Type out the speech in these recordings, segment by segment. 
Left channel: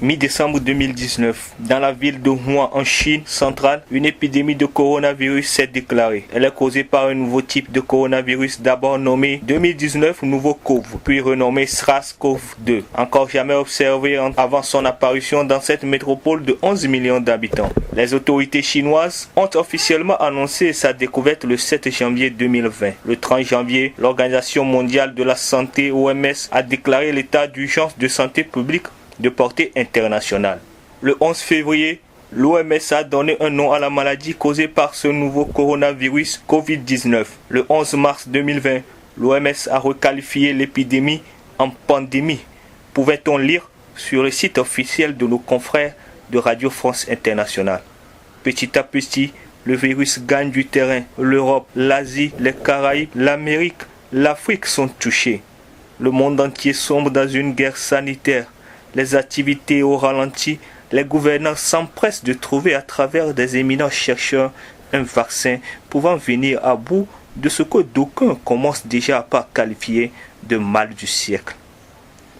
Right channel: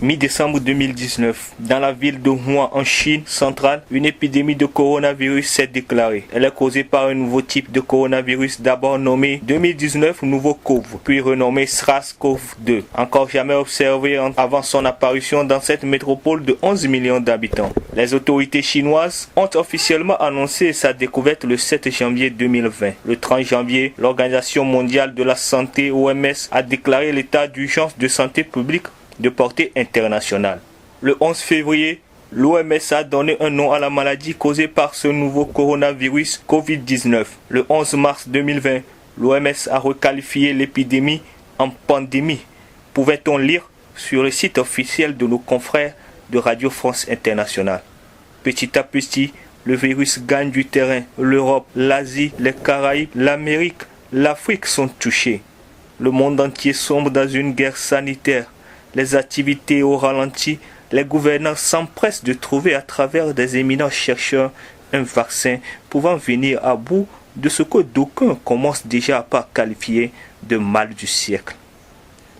Mi-décembre 2019, dans la ville de Wuhan en Chine centrale, une épidémie de coronavirus s'est déclarée. Elle est causée par un nouveau type de coronavirus d'abord nommé 2019 nouveau CoV, puis renommé SARS-CoV-2, encore jamais observé avant son apparition dans cette métropole de 11 millions d'habitants. Les autorités chinoises ont officiellement annoncé sa découverte le 7 janvier 2020. Le 30 janvier, l'Organisation mondiale de la santé OMS a déclaré l'état d'urgence de santé publique de portée internationale. Le 11 février, l'OMS a donné un nom à la maladie causée par ce nouveau coronavirus Covid-19. Le 11 mars 2020, l'OMS a requalifié l'épidémie en pandémie. Pouvait-on lire sur le site officiel de nos confrères de Radio France Internationale. Petit à petit, le virus gagne du terrain. L'Europe, l'Asie, les Caraïbes, l'Amérique, l'Afrique sont touchés. Le monde entier sombre dans une guerre sanitaire. Les activités au ralenti, les gouvernants s'empressent de trouver à travers des éminents chercheurs un vaccin pouvant venir à bout de ce que d'aucuns commencent déjà à qualifier de mal du siècle.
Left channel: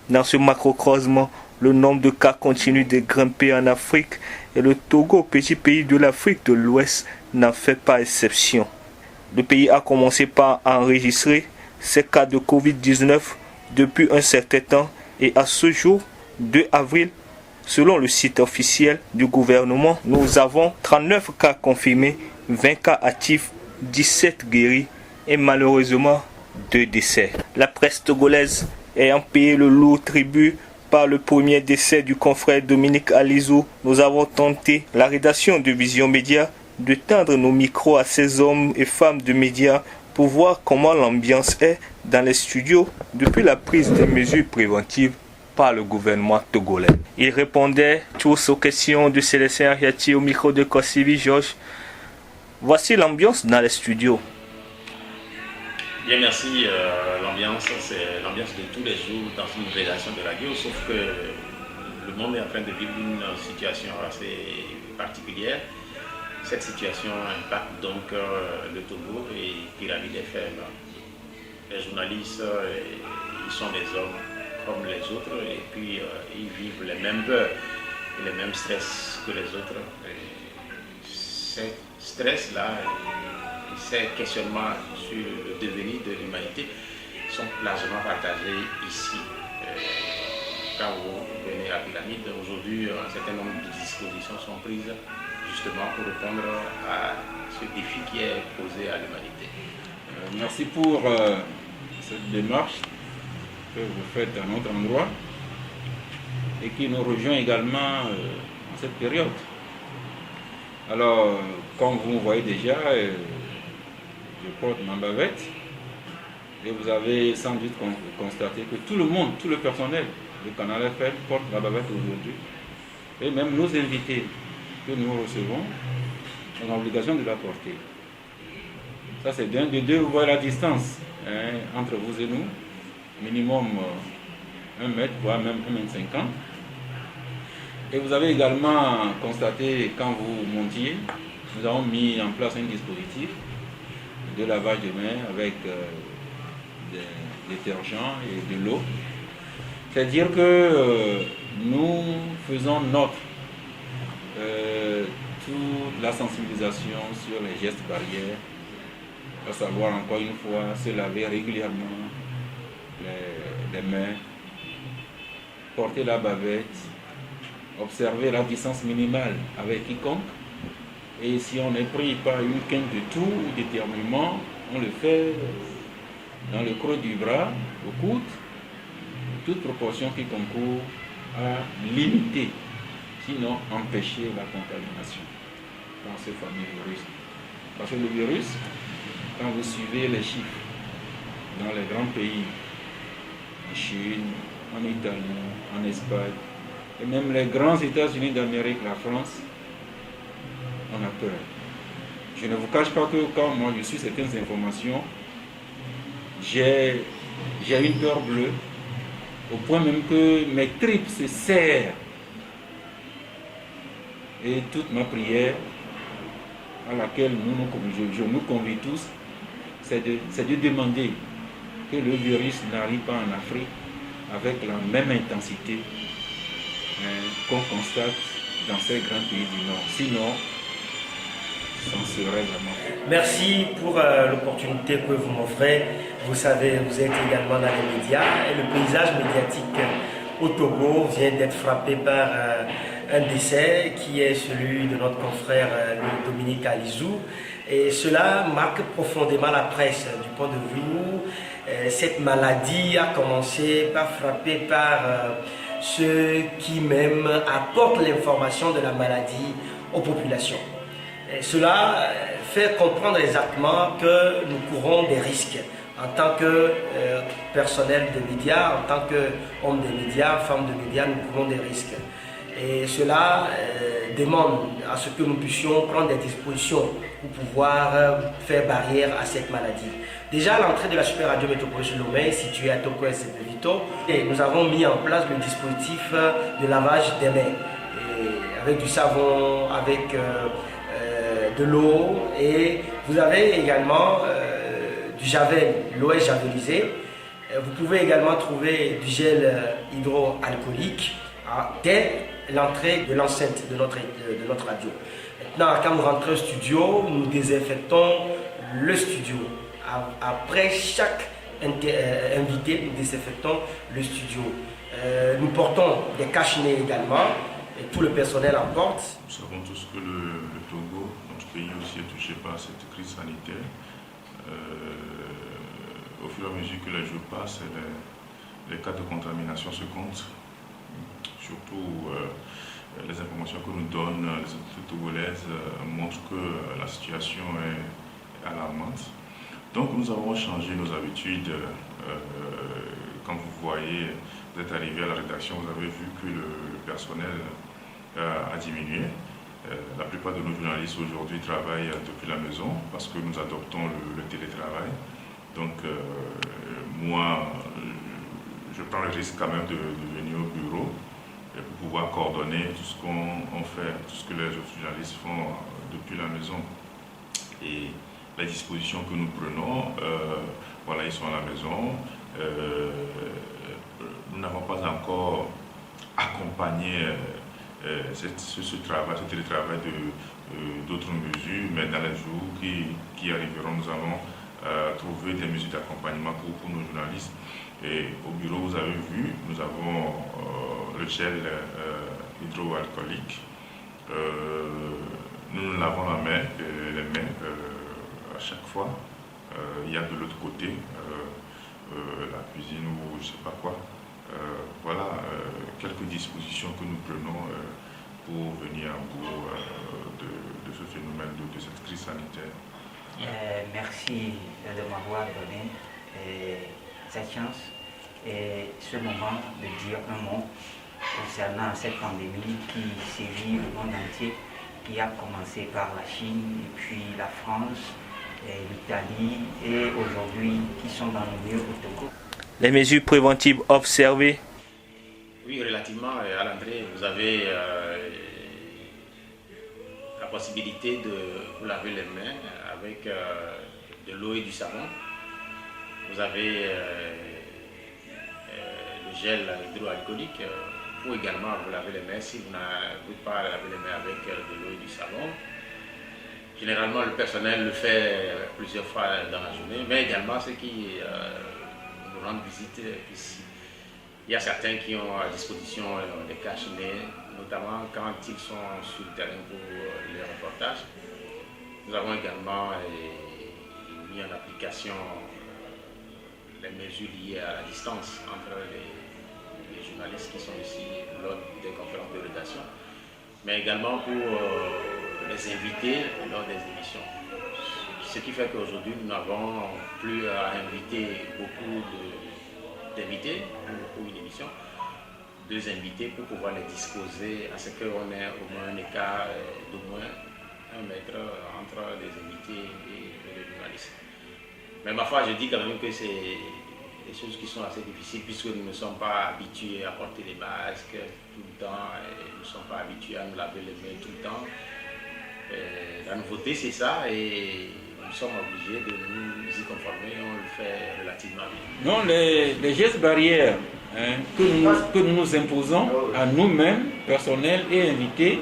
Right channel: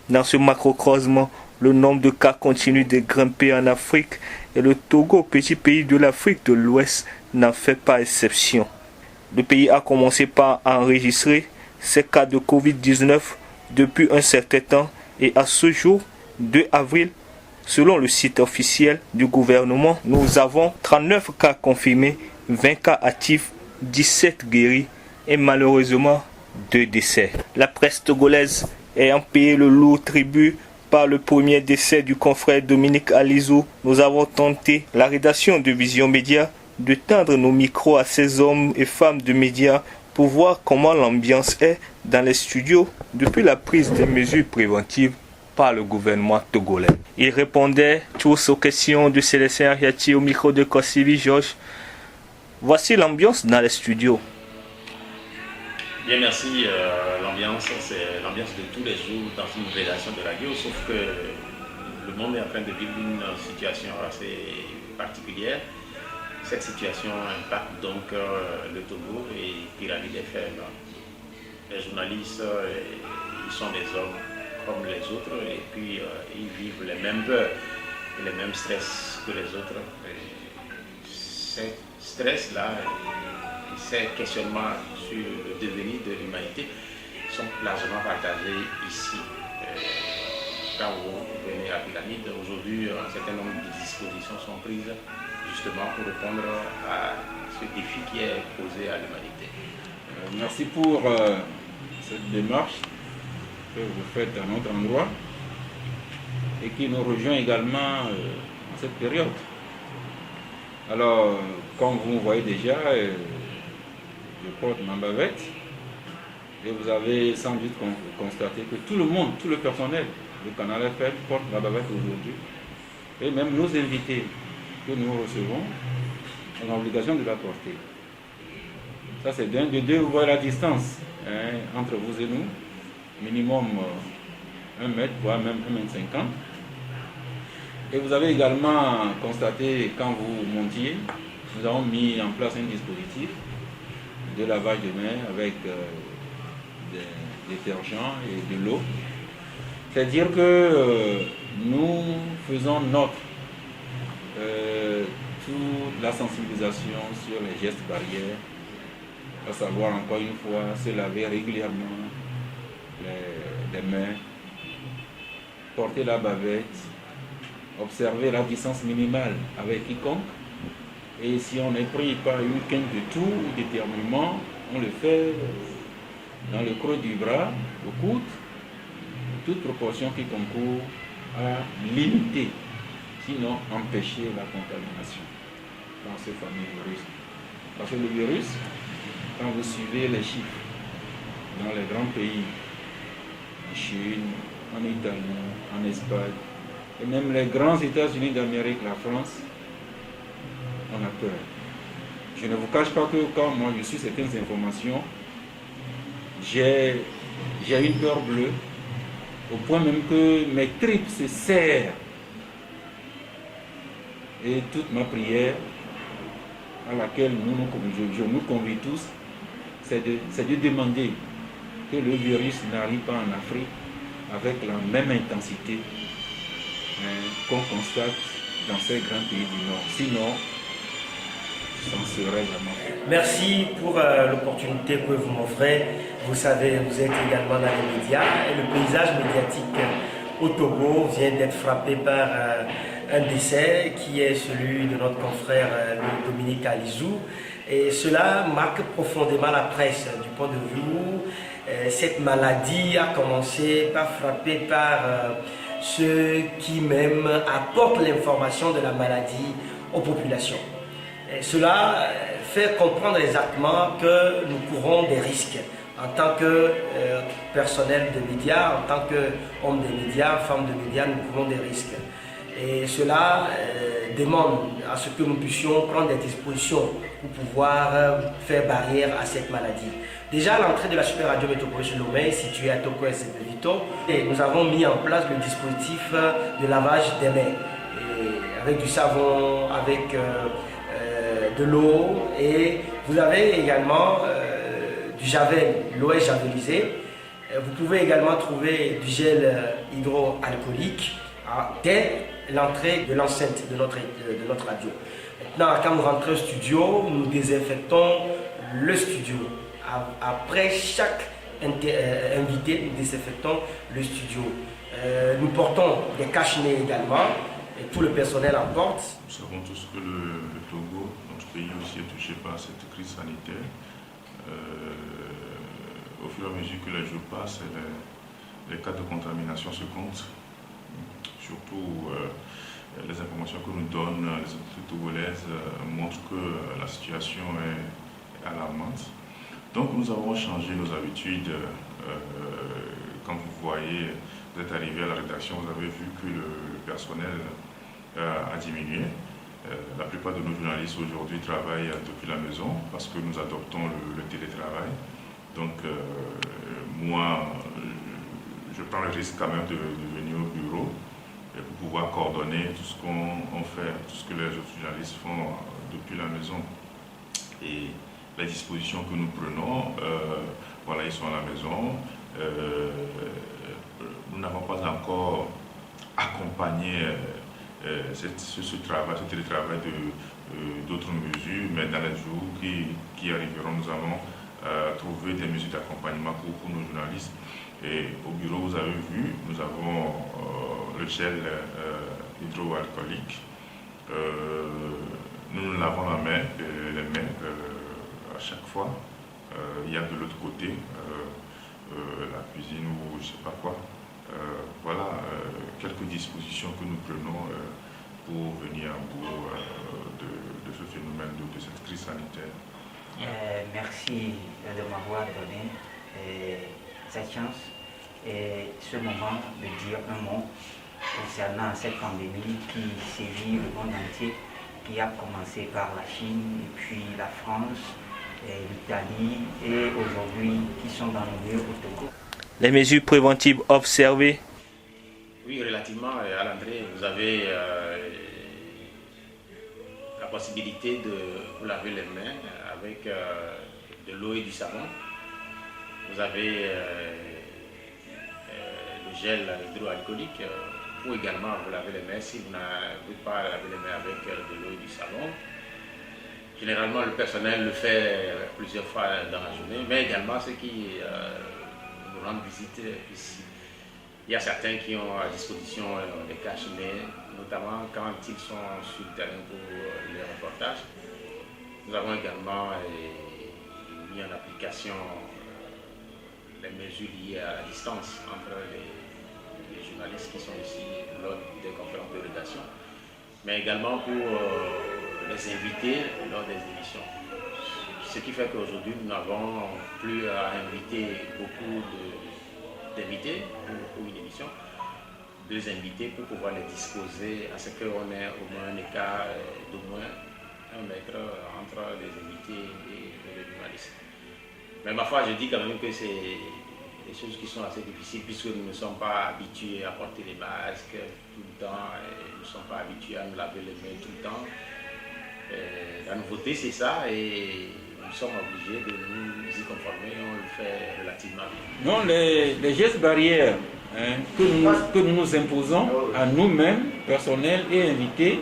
Dans ce macrocosme, le nombre de cas continue de grimper en Afrique et le Togo, petit pays de l'Afrique de l'Ouest, n'en fait pas exception. Le pays a commencé par enregistrer ces cas de Covid-19 depuis un certain temps et à ce jour, 2 avril, selon le site officiel du gouvernement, nous avons 39 cas confirmés, 20 cas actifs, 17 guéris et malheureusement 2 décès. La presse togolaise ayant payé le lourd tribut par le premier décès du confrère Dominique Alizou, nous avons tenté, la rédaction de Vision Média, de tendre nos micros à ces hommes et femmes de médias pour voir comment l'ambiance est dans les studios depuis la prise des mesures préventives par le gouvernement togolais. Ils répondaient tous aux questions de Célestin Ariati au micro de Kossivi Georges. Voici l'ambiance dans les studios. Bien, merci. L'ambiance, c'est l'ambiance de tous les jours dans une rédaction de radio, sauf que le monde est en train de vivre une situation assez particulière. Cette situation impacte donc le Togo et Pyramide FM. Les journalistes, ils sont des hommes comme les autres et puis ils vivent les mêmes peurs et les mêmes stress que les autres. Ces stress-là et ces questionnements sur le devenir de l'humanité sont largement partagés ici. Quand vous venez à Pyramide, aujourd'hui, un certain nombre de dispositions sont prises justement pour répondre à ce défi qui est posé à l'humanité. Merci pour cette démarche que vous faites à notre endroit et qui nous rejoint également en cette période. Alors, comme vous voyez déjà, je porte ma bavette et vous avez sans doute constaté que tout le monde, tout le personnel du Canal FM porte la bavette aujourd'hui et même nos invités que nous recevons ont l'obligation de la porter. Ça c'est d'un de deux, vous voyez la distance entre vous et nous, minimum 1 mètre, voire même 1,50 m. Et vous avez également constaté, quand vous montiez, nous avons mis en place un dispositif de lavage de mains avec des détergents et de l'eau. C'est-à-dire que nous faisons toute la sensibilisation sur les gestes barrières, à savoir encore une fois se laver régulièrement les mains, porter la bavette, observer la distance minimale avec quiconque, et si on est pris par une quinte de toux ou d'éternuement, on le fait dans le creux du bras, au coude, toute proportion qui concourt à limiter, sinon empêcher la contamination dans ce fameux virus. Parce que le virus, quand vous suivez les chiffres dans les grands pays, en Chine, en Italie, en Espagne, et même les grands États-Unis d'Amérique, la France, on a peur. Je ne vous cache pas que quand moi je suis certaines informations, j'ai une peur bleue, au point même que mes tripes se serrent. Et toute ma prière, à laquelle je nous convie tous, c'est de demander que le virus n'arrive pas en Afrique avec la même intensité qu'on constate dans ces grands pays du Nord. Sinon, ça en serait vraiment. Merci pour l'opportunité que vous m'offrez. Vous savez, vous êtes également dans les médias et le paysage médiatique au Togo vient d'être frappé par un décès qui est celui de notre confrère Dominique Alizou. Et cela marque profondément la presse du point de vue où cette maladie a commencé par frapper par ceux qui même apportent l'information de la maladie aux populations. Et cela fait comprendre exactement que nous courons des risques en tant que personnel de médias, en tant qu'homme des médias, femme de médias, nous courons des risques. Et cela demande à ce que nous puissions prendre des dispositions pour pouvoir faire barrière à cette maladie. Déjà, à l'entrée de la Super Radio Métropolis Lomé, située à Toko et Vito, nous avons mis en place le dispositif de lavage des mains, et avec du savon, avec de l'eau, et vous avez également du javel, l'eau est javelisée. Vous pouvez également trouver du gel hydroalcoolique dès l'entrée de l'enceinte de notre radio. Maintenant, quand nous rentrons au studio, nous désinfectons le studio. Après chaque invité, nous désinfectons le studio. Nous portons des cache-nez également, et tout le personnel en porte. Nous savons tous que le Togo, notre pays aussi, est touché par cette crise sanitaire. Au fur et à mesure que les jours passent, les cas de contamination se comptent. Surtout les informations que nous donnent les autorités togolaises montrent que la situation est alarmante. Donc nous avons changé nos habitudes. Quand vous voyez, vous êtes arrivé à la rédaction, vous avez vu que le personnel a diminué. La plupart de nos journalistes aujourd'hui travaillent depuis la maison parce que nous adoptons le télétravail. Donc moi, je prends le risque quand même de venir au bureau et pour pouvoir coordonner tout ce qu'on fait, tout ce que les autres journalistes font depuis la maison. Et les dispositions que nous prenons, voilà, ils sont à la maison. Nous n'avons pas encore accompagné ce télétravail d'autres mesures, mais dans les jours qui arriveront, nous allons trouver des mesures d'accompagnement pour nos journalistes. Et au bureau, vous avez vu, nous avons le gel hydroalcoolique. Nous nous lavons les mains à chaque fois. Il y a de l'autre côté la cuisine ou je ne sais pas quoi. Voilà quelques dispositions que nous prenons pour venir à bout de ce phénomène, de cette crise sanitaire. Merci de m'avoir donné cette chance et ce moment de dire un mot concernant cette pandémie qui sévit le monde entier, qui a commencé par la Chine, et puis la France, l'Italie et aujourd'hui qui sont dans le milieu au Togo. Les mesures préventives observées. Oui, relativement à l'entrée, vous avez la possibilité de vous laver les mains avec de l'eau et du savon. Vous avez le gel hydroalcoolique pour également vous laver les mains si vous n'avez pas laver les mains avec de l'eau et du savon. Généralement, le personnel le fait plusieurs fois dans la journée, mais également ceux qui nous rendent visite ici. Il y a certains qui ont à disposition des cache-nez, notamment quand ils sont sur le terrain pour les reportages. Nous avons également mis en application les mesures liées à la distance entre les journalistes qui sont ici lors des conférences de rédaction, mais également pour les invités lors des émissions. Ce qui fait qu'aujourd'hui, nous n'avons plus à inviter beaucoup d'invités pour une émission, 2 invités pour pouvoir les disposer à ce qu'on ait au moins un écart d'au moins 1 mètre entre les invités et les journalistes. Mais ma foi, je dis quand même que c'est des choses qui sont assez difficiles puisque nous ne sommes pas habitués à porter les masques tout le temps, et nous ne sommes pas habitués à nous laver les mains tout le temps. La nouveauté, c'est ça, et nous sommes obligés de nous y conformer, on le fait relativement bien. Non, les gestes barrières que nous nous imposons à nous-mêmes, personnel et invités.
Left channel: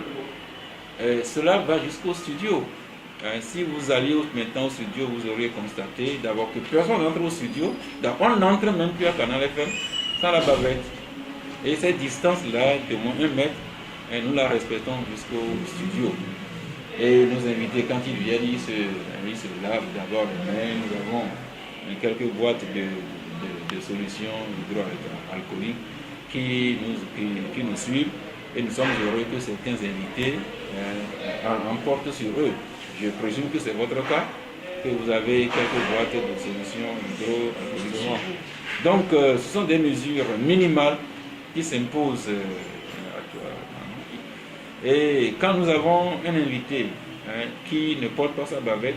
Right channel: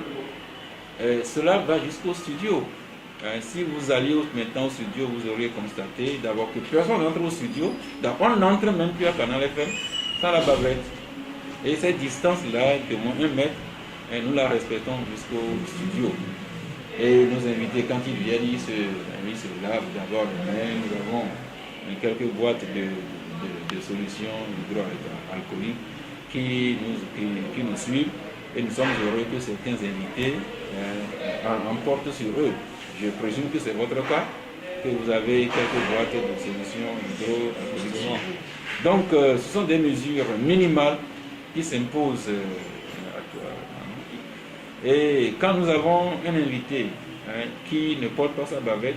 Cela va jusqu'au studio. Si vous alliez maintenant au studio, vous auriez constaté d'abord que personne n'entre au studio. On n'entre même plus à Canal FM sans la bavette. Et cette distance-là, de moins 1 mètre, nous la respectons jusqu'au studio. Et nos invités, quand ils viennent, ils se lavent d'abord les mains. Nous avons quelques boîtes de solutions hydroalcooliques qui nous suivent. Et nous sommes heureux que certains invités emportent sur eux. Je présume que c'est votre cas, que vous avez quelques boîtes de solutions hydroalcooliques. Donc, ce sont des mesures minimales qui s'imposent et quand nous avons un invité qui ne porte pas sa bavette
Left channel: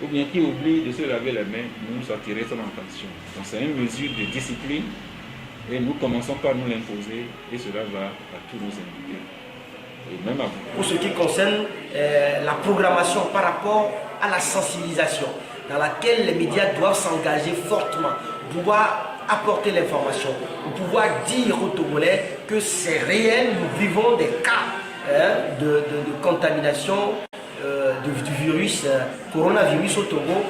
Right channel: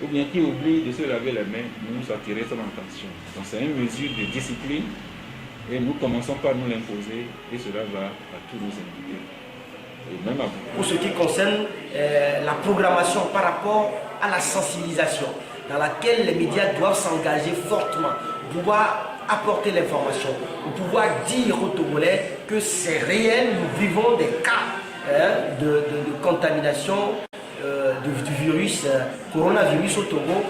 ou bien qui oublie de se laver les mains, nous attirons son attention. Donc c'est une mesure de discipline et nous commençons par nous l'imposer et cela va à tous nos invités. Et même à vous. Pour ce qui concerne la programmation par rapport à la sensibilisation, dans laquelle les médias doivent s'engager fortement, pouvoir apporter l'information, pour pouvoir dire aux Togolais que c'est réel, nous vivons des cas de contamination du virus, coronavirus au Togo.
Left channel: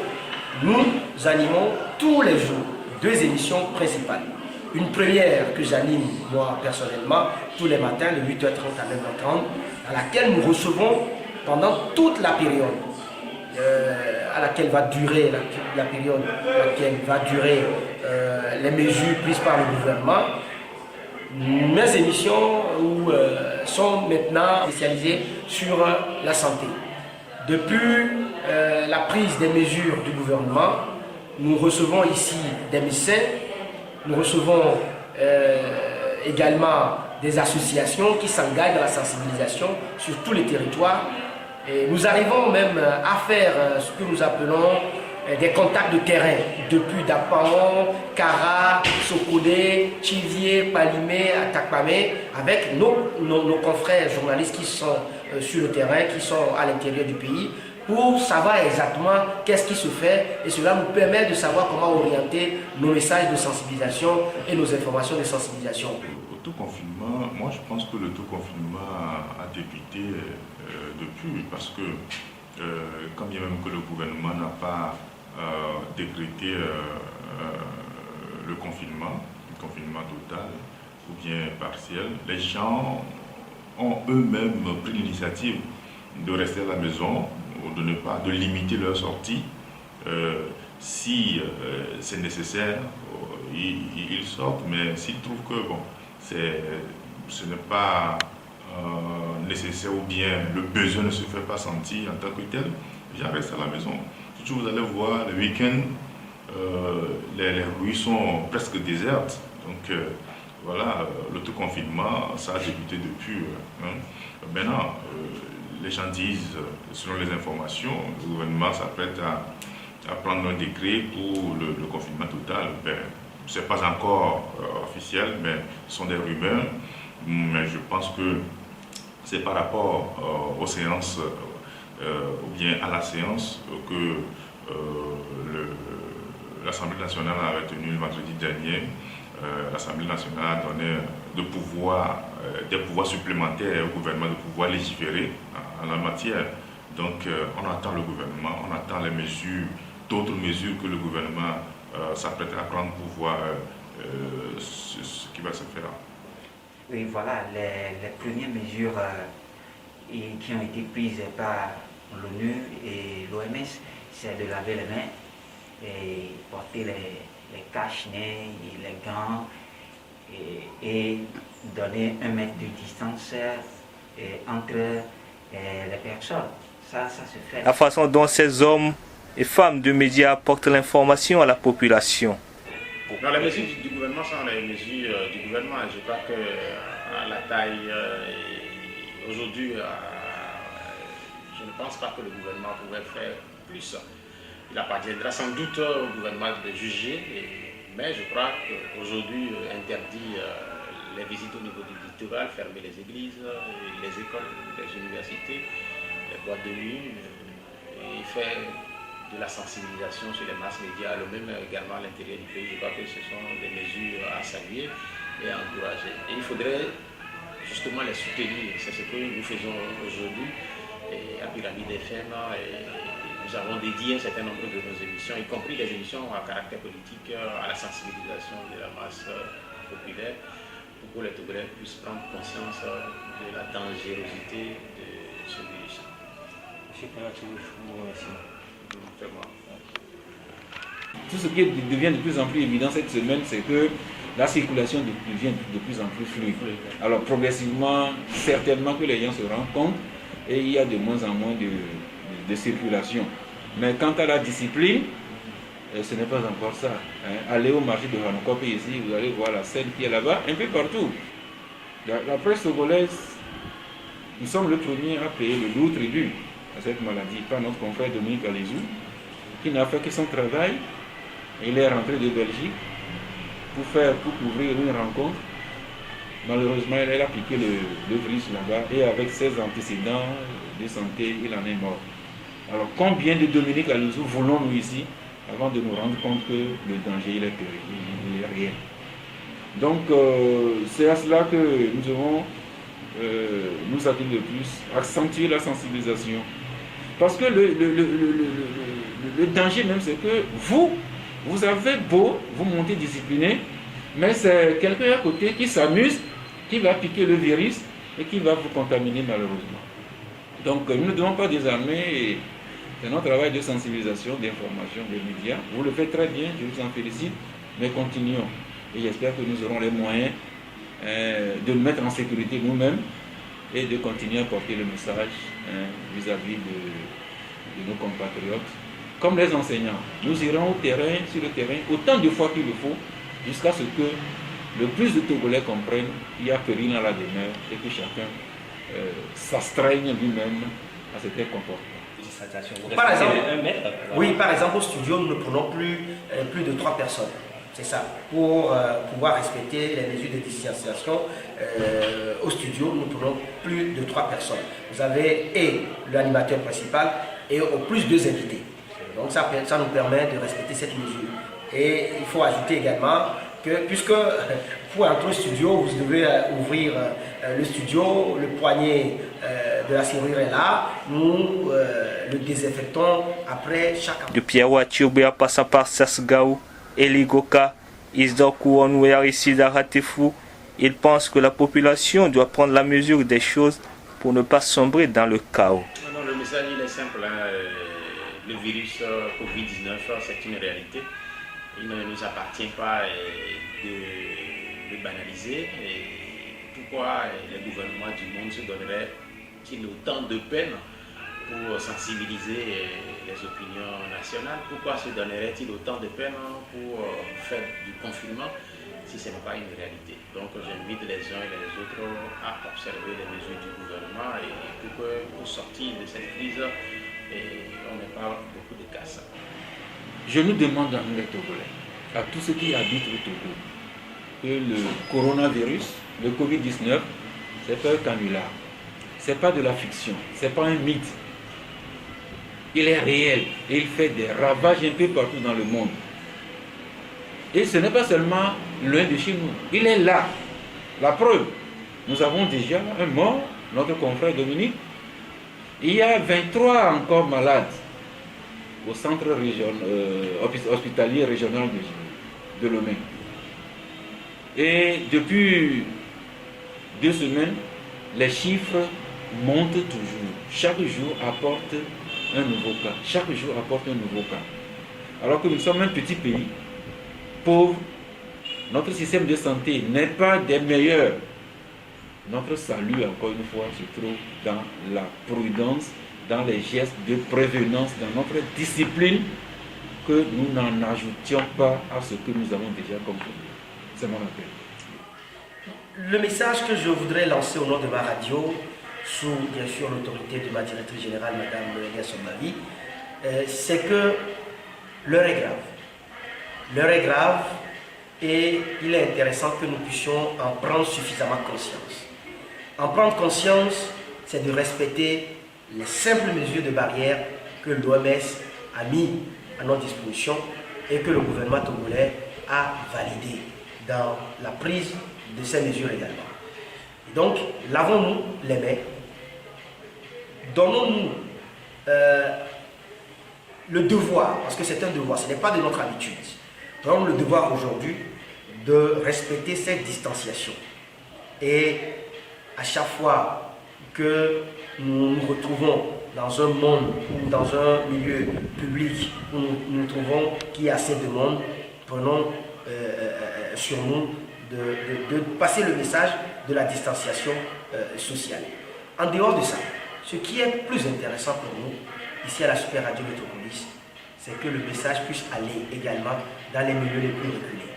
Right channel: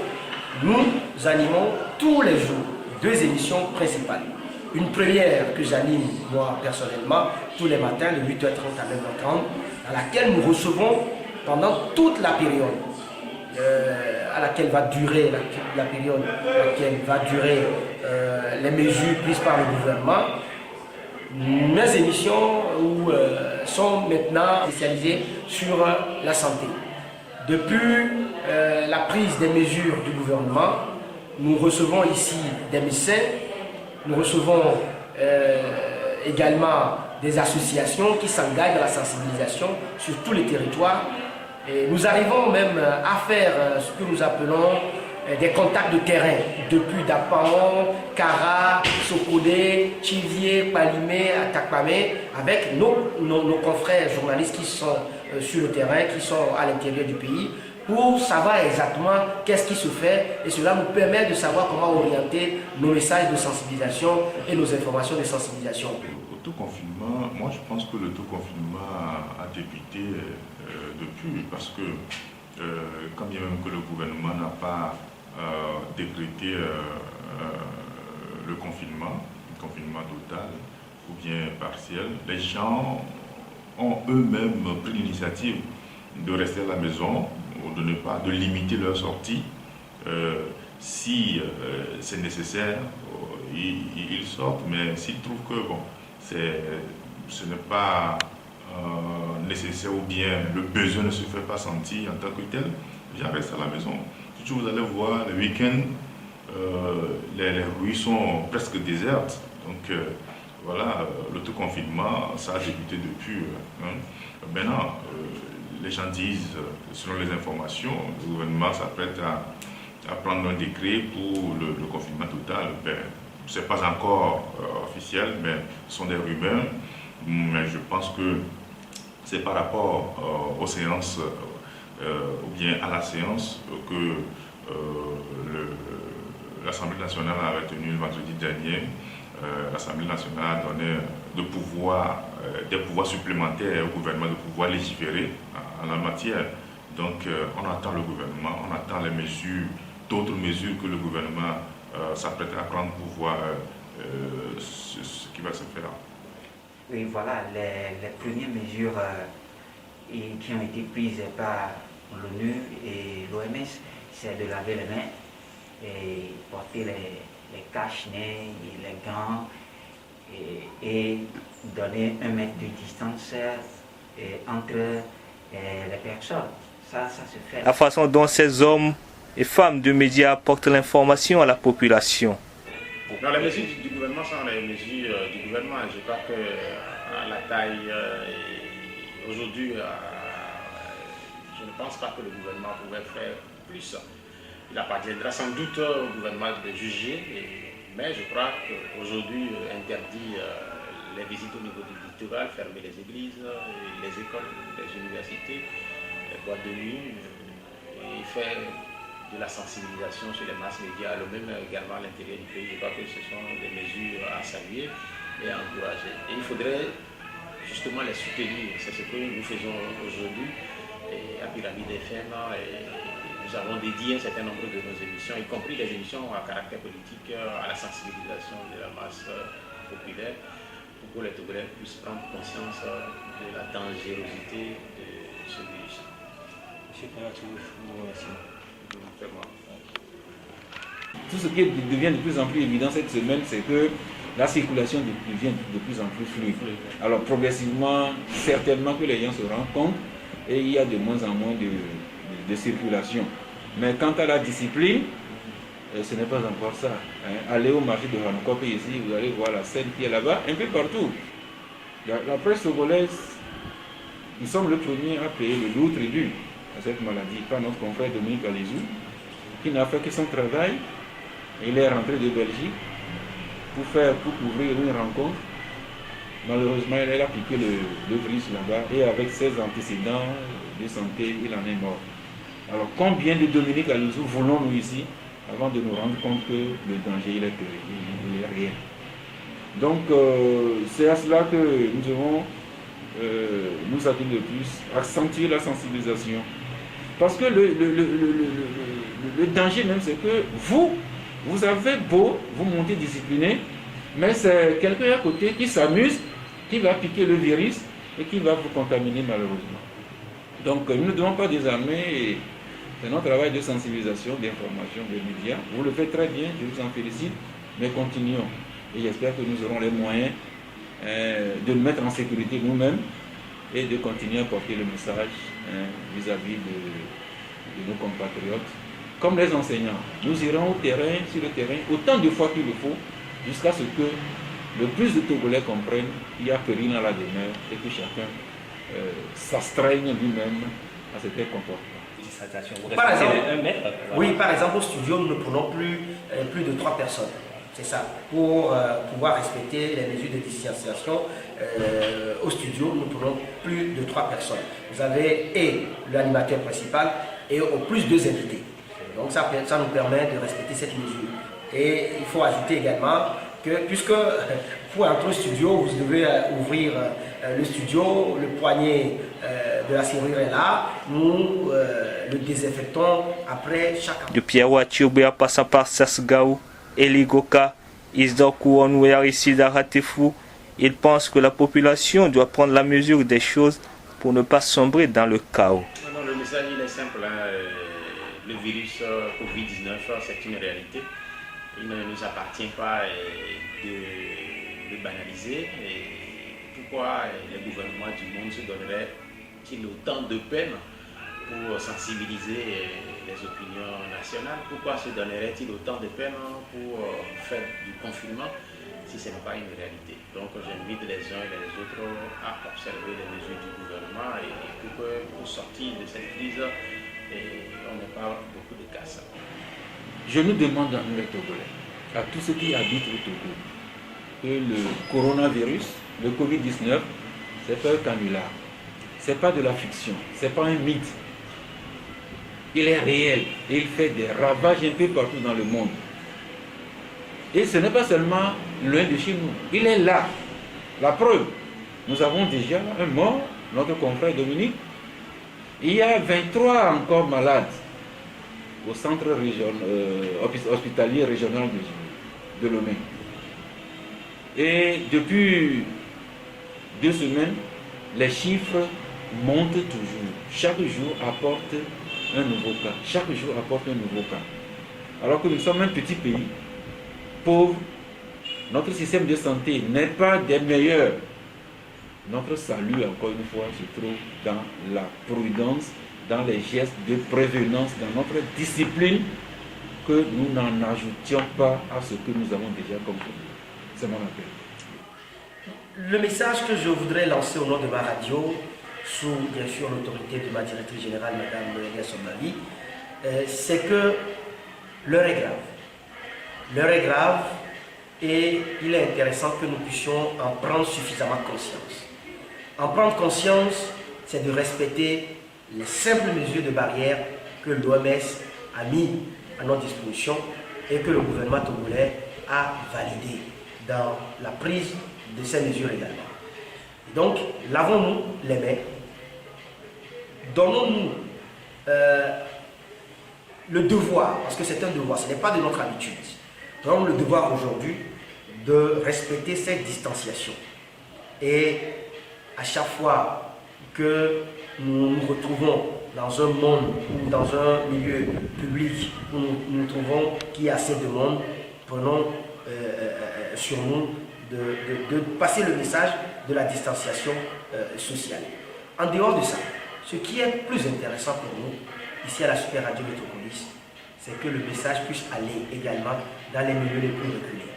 Nous animons tous les jours 2 émissions principales. Une première que j'anime moi personnellement tous les matins de 8h30 à 9h30, dans laquelle nous recevons pendant toute la période à laquelle va durer la période à laquelle va durer les mesures prises par le gouvernement. Mes émissions sont maintenant spécialisées sur la santé. Depuis la prise des mesures du gouvernement, nous recevons ici des médecins, nous recevons également des associations qui s'engagent dans la sensibilisation sur tous les territoires. Et nous arrivons même à faire ce que nous appelons des contacts de terrain depuis Dapaon, Kara, Sokodé, Chivier, Palimé, Atakpamé, avec nos confrères journalistes qui sont sur le terrain, qui sont à l'intérieur du pays, pour savoir exactement qu'est-ce qui se fait, et cela nous permet de savoir comment orienter nos messages de sensibilisation et nos informations de sensibilisation. L'autoconfinement, moi je pense que l'autoconfinement a débuté depuis, parce que quand bien même que le gouvernement n'a pas décrété le confinement total ou bien partiel, les gens ont eux-mêmes pris l'initiative de rester à la maison, de limiter leur sortie. Si c'est nécessaire, ils sortent, mais s'ils trouvent que ce n'est pas nécessaire ou bien le besoin ne se fait pas sentir en tant que tel, les gens restent à la maison. Si vous allez voir, le week-end, les rues sont presque désertes. Donc voilà, l'autoconfinement, ça a débuté depuis. Maintenant, les gens disent, selon les informations, le gouvernement s'apprête à prendre un décret pour le confinement total. Ce n'est pas encore officiel, mais ce sont des rumeurs. Mais je pense que c'est par rapport aux séances ou bien à la séance que l'Assemblée nationale a retenu le vendredi dernier. L'Assemblée nationale a donné des pouvoirs supplémentaires au gouvernement de pouvoir légiférer en la matière. Donc on attend le gouvernement, on attend d'autres mesures que le gouvernement s'apprête à prendre pour voir ce qui va se faire. Oui, voilà, les premières mesures qui ont été prises par l'ONU et l'OMS, c'est de laver les mains et porter les cache-nez, les gants et donner 1 mètre de distance entre les personnes. Ça se fait. La façon dont ces hommes et femmes de médias apportent l'information à la population. Non, les mesures du gouvernement sont les mesures du gouvernement. Je crois que la taille aujourd'hui, je ne pense pas que le gouvernement pouvait faire plus. Il appartiendra sans doute au gouvernement de juger, mais je crois qu'aujourd'hui, interdit les visites au niveau du littoral, fermer les églises, les écoles, les universités, les boîtes de nuit, et faire de la sensibilisation sur les masses médias, même également à l'intérieur du pays. Je crois que ce sont des mesures à saluer et à encourager. Et il faudrait justement les soutenir. C'est ce que nous faisons aujourd'hui à Pyramide FM. Nous avons dédié un certain nombre de nos émissions, y compris des émissions à caractère politique, à la sensibilisation de la masse populaire, pour que les Togolais puissent prendre conscience de la dangerosité de ce virus. Tout ce qui devient de plus en plus évident cette semaine, c'est que la circulation devient de plus en plus fluide. Alors progressivement, certainement que les gens se rendent compte et il y a de moins en moins de circulation. Mais quant à la discipline, ce n'est pas encore ça. Allez au marché de Hanokop ici, vous allez voir la scène qui est là-bas, un peu partout. La presse togolaise, nous sommes le premier à payer le lourd tribut à cette maladie, par notre confrère Dominique Alizou, qui n'a fait que son travail. Il est rentré de Belgique pour couvrir une rencontre. Malheureusement, il a piqué le virus là-bas et avec ses antécédents de santé, il en est mort. Alors combien de Dominique Alizou voulons-nous ici avant de nous rendre compte que le danger il est réel. Donc c'est à cela que nous devons nous appuyer de plus, accentuer la sensibilisation. Parce que le danger même, c'est que vous avez beau vous monter discipliné, mais c'est quelqu'un à côté qui s'amuse, qui va piquer le virus et qui va vous contaminer malheureusement. Donc nous ne devons pas désarmer. C'est notre travail de sensibilisation, d'information, des médias. Vous le faites très bien, je vous en félicite, mais continuons. Et j'espère que nous aurons les moyens de nous mettre en sécurité nous-mêmes et de continuer à porter le message vis-à-vis de nos compatriotes. Comme les enseignants, nous irons sur le terrain, autant de fois qu'il le faut, jusqu'à ce que le plus de Togolais comprennent qu'il y a péril dans la demeure et que chacun s'astreigne lui-même à certains comportements. Par exemple, oui, par exemple, au studio, nous ne prenons plus de 3 personnes. C'est ça. Pour pouvoir respecter les mesures de distanciation, au studio, nous ne prenons plus de 3 personnes. Vous avez l'animateur principal et au plus 2 invités. Donc ça nous permet de respecter cette mesure. Et il faut ajouter également que, puisque pour entrer au studio, vous devez ouvrir le studio, le poignet de la serrure est là, nous le désinfectons après chaque... De Pierre Tchobea passant par Sasgaou, Eligoka, Isdor Kouanou et Aricida Ratefou, il pense que la population doit prendre la mesure des choses pour ne pas sombrer dans le chaos. Non, le message il est simple. Le virus Covid-19, c'est une réalité. Il ne nous appartient pas de banaliser. Et pourquoi les gouvernements du monde se donneraient-ils autant de peine pour sensibiliser les opinions nationales? Pourquoi se donnerait-il autant de peine pour faire du confinement si ce n'est pas une réalité? Donc j'invite les uns et les autres à observer les mesures du gouvernement et pour sortir de cette crise, on n'ait pas beaucoup de casse. Je nous demande à nous les Togolais, à tous ceux qui habitent au Togo, que le coronavirus, le Covid-19, c'est pas un canular, c'est pas de la fiction, c'est pas un mythe. Il est réel et il fait des ravages un peu partout dans le monde. Et ce n'est pas seulement loin de chez nous, il est là. La preuve, nous avons déjà un mort, notre confrère Dominique. Il y a 23 encore malades au centre hospitalier régional de Lomé. Et depuis 2 semaines, les chiffres montent toujours. Chaque jour apporte un nouveau cas. Chaque jour apporte un nouveau cas. Alors que nous sommes un petit pays, pauvre, notre système de santé n'est pas des meilleurs. Notre salut, encore une fois, se trouve dans la prudence, dans les gestes de prévenance, dans notre discipline, que nous n'en ajoutions pas à ce que nous avons déjà compris. C'est mon appel. Le message que je voudrais lancer au nom de ma radio, sous bien sûr l'autorité de ma directrice générale, Mme Nelson Mavi, c'est que l'heure est grave. L'heure est grave et il est intéressant que nous puissions en prendre suffisamment conscience. En prendre conscience, c'est de respecter les simples mesures de barrière que l'OMS a mis à notre disposition et que le gouvernement togolais a validé dans la prise de ces mesures également. Donc, lavons-nous les mains, donnons-nous le devoir, parce que c'est un devoir, ce n'est pas de notre habitude, nous avons le devoir aujourd'hui de respecter cette distanciation. Et à chaque fois que nous nous retrouvons dans un monde ou dans un milieu public où nous trouvons qu'il y a assez de monde, prenons sur nous de passer le message de la distanciation sociale. En dehors de ça, ce qui est plus intéressant pour nous, ici à la Super Radio Métropolis, c'est que le message puisse aller également dans les milieux les plus reculés.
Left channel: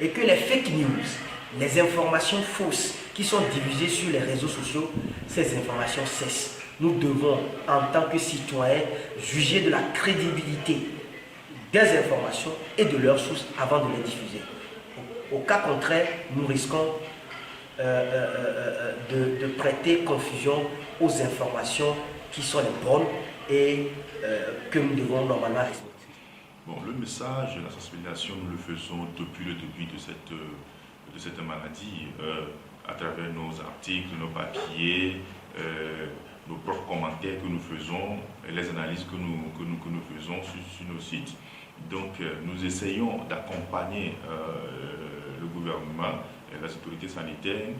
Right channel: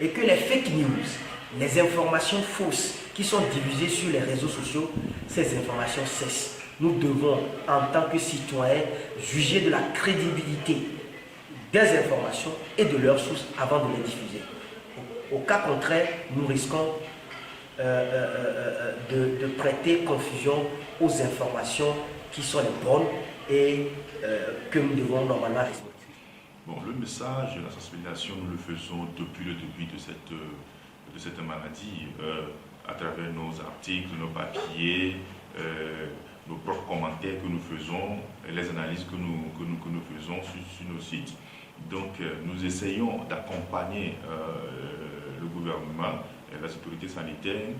Et que les fake news, les informations fausses qui sont diffusées sur les réseaux sociaux, ces informations cessent. Nous devons, en tant que citoyens, juger de la crédibilité des informations et de leurs sources avant de les diffuser. Au cas contraire, nous risquons de prêter confusion aux informations qui sont les bonnes et que nous devons normalement respecter. Bon, le message, la sensibilisation, nous le faisons depuis le début de cette maladie, à travers nos articles, nos papiers, nos propres commentaires que nous faisons, et les analyses que nous faisons sur nos sites. Donc, nous essayons d'accompagner le gouvernement et les autorités sanitaires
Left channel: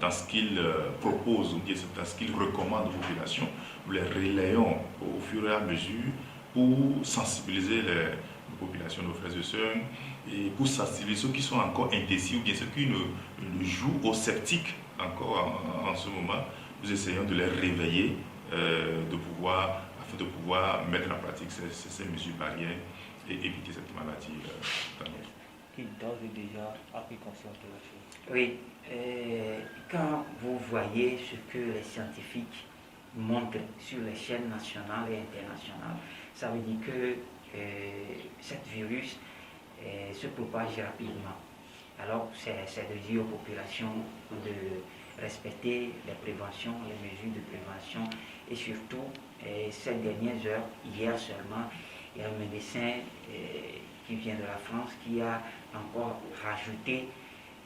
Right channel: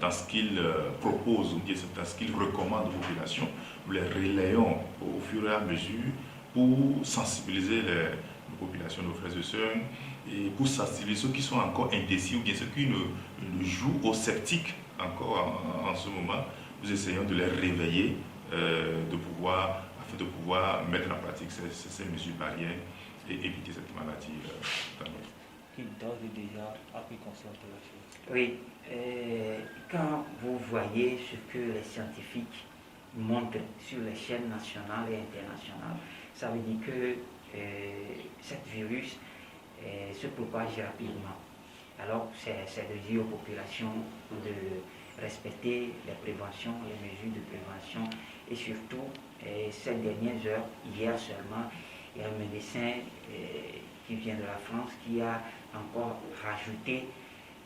dans ce qu'ils proposent ou dans ce qu'ils recommandent aux populations. Nous les relayons au fur et à mesure pour sensibiliser les populations, nos frères et sœurs, et pour sensibiliser ceux qui sont encore indécis ou bien ceux qui ne jouent aux sceptiques encore en ce moment. Nous essayons de les réveiller afin de pouvoir mettre en pratique ces mesures barrières et éviter cette maladie. Qui d'ores et déjà a pris conscience de la chose. Oui, quand vous voyez ce que les scientifiques montrent sur les chaînes nationales et internationales, ça veut dire que ce virus se propage rapidement. Alors, c'est de dire aux populations de respecter les préventions, les mesures de prévention et surtout, ces dernières heures, hier seulement, il y a un médecin qui vient de la France qui a encore rajouté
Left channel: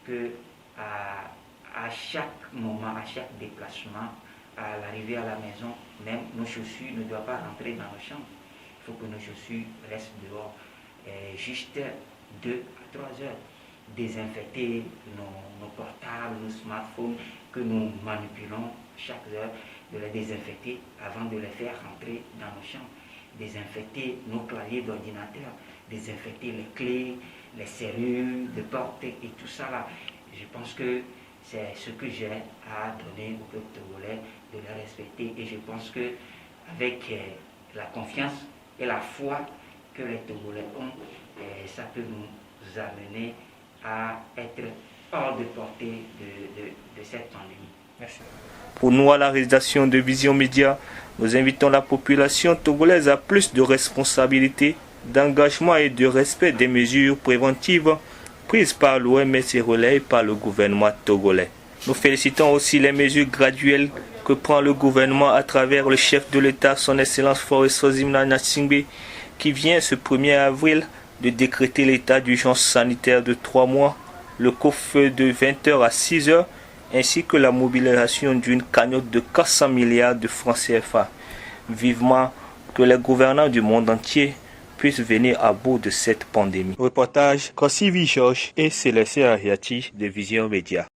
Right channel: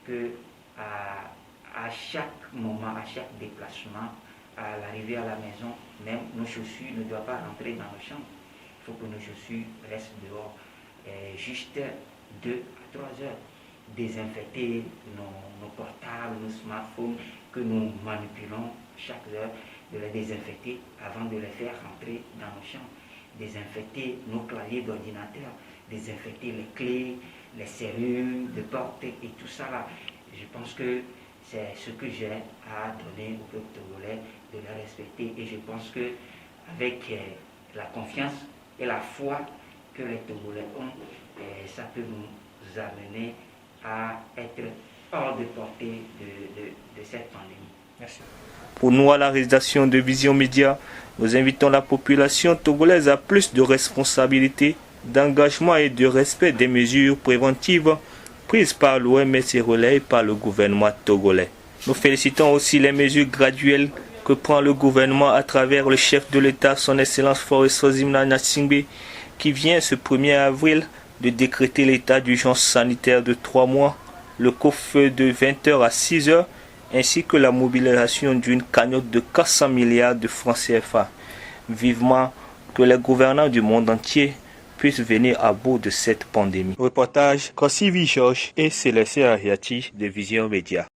que à chaque moment, à chaque déplacement, à l'arrivée à la maison, même nos chaussures ne doivent pas rentrer dans nos chambres. Il faut que nos chaussures restent dehors juste 2 à 3 heures. Désinfecter nos portables, nos smartphones que nous manipulons chaque heure, de les désinfecter avant de les faire rentrer dans nos chambres. Désinfecter nos claviers d'ordinateur, désinfecter les clés, les serrures de porte et tout ça là. Je pense que c'est ce que j'ai à donner au peuple togolais, de les respecter, et je pense que avec la confiance et la foi que les Togolais ont, ça peut nous amener à être hors de portée de cette pandémie. Merci. Pour nous, à la rédaction de Vision Média, nous invitons la population togolaise à plus de responsabilité, d'engagement et de respect des mesures préventives prises par l'OMS et relayées par le gouvernement togolais. Nous félicitons aussi les mesures graduelles que prend le gouvernement à travers le chef de l'État, son Excellence Faure Sozimna Gnassingbé, qui vient ce 1er avril de décréter l'état d'urgence sanitaire de 3 mois, le couvre-feu de 20h à 6h, ainsi que la mobilisation d'une cagnotte de 400 milliards de francs CFA. Vivement que les gouvernants du monde entier puissent venir à bout de cette pandémie. Reportage Kosivi Georges et Célestin Ariati de Vision Média.